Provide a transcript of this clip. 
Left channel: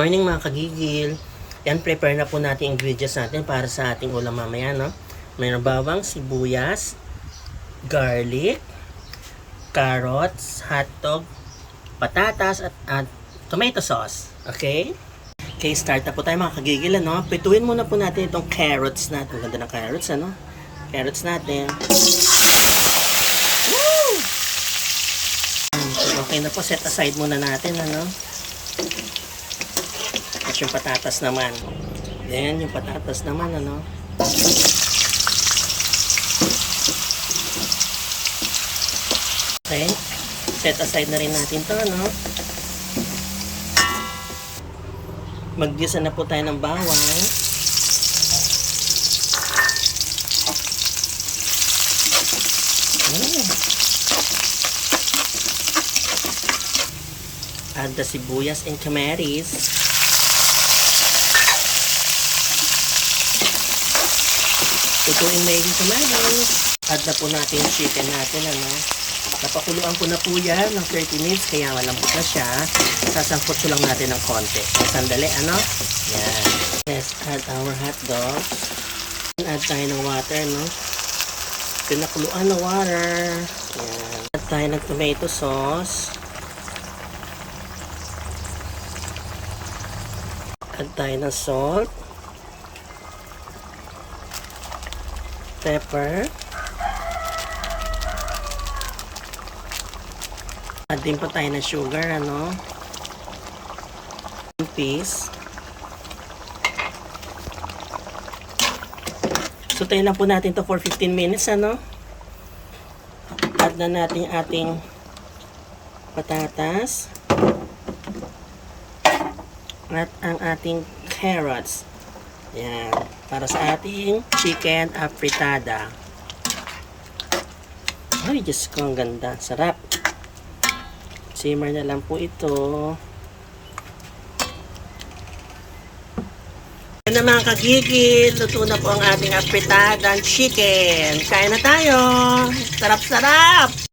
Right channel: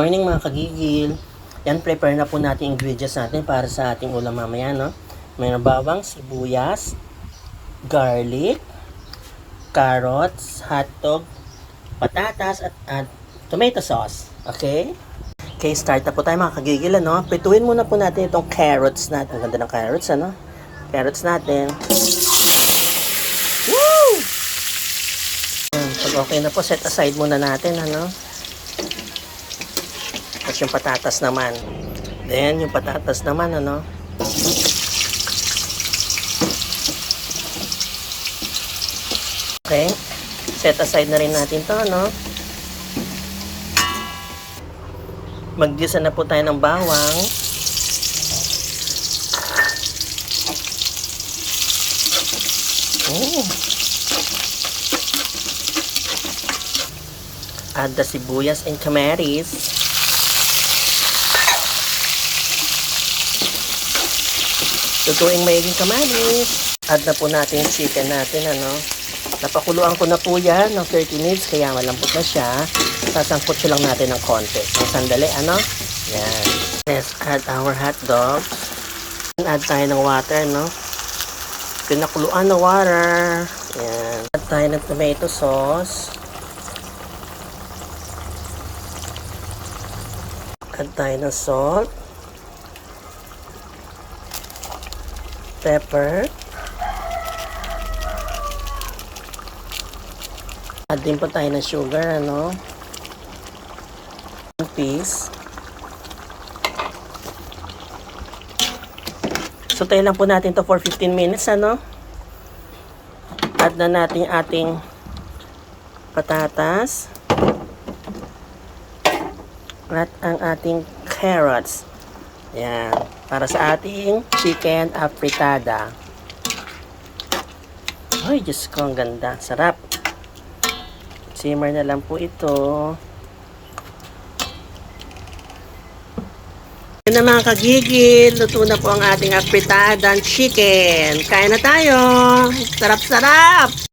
Morning mga kagigil. Yan, prepare na po natin ingredients natin para sa ating ulam mamaya, no? Mayroon bawang, sibuyas, garlic, carrots, hotdog, patatas, at, at tomato sauce. Okay? Okay, start na po tayo mga kagigil, ano? Pituin muna po natin itong carrots natin. Ang ganda ng carrots, ano? Carrots natin. Woo! Okay na po, set aside muna natin, ano? Tapos yung patatas naman. Then, yung patatas naman, ano? Okay. Set aside na rin natin to, ano? Maggisa na po tayo ng bawang. Mm. Add the sibuyas and kamaris. Tutuing maiging kamaris. Add na po natin chicken natin, ano. Napakuluan ko na po yan ng 30 minutes, kaya malambot na siya. Sasangkot ko lang natin ng konti. Ng sandali, ano. Yan. Let's add our hot dogs. Add tayo ng water, no. Pinakuluan na water. Yan. Add tayo ng tomato sauce. Add tayo ng salt. Pepper. Add din po tayo ng sugar, ano. One piece. So, lang po natin to for 15 minutes, ano. Add na natin ating patatas. At ang ating carrots. Yan. Para sa ating chicken afritada. Ay, Diyos ko, ang ganda. Sarap. Simmer na lang po ito. Yan na mga kagigil. Luto na po ang ating afritada chicken. Kain na tayo. Sarap-sarap.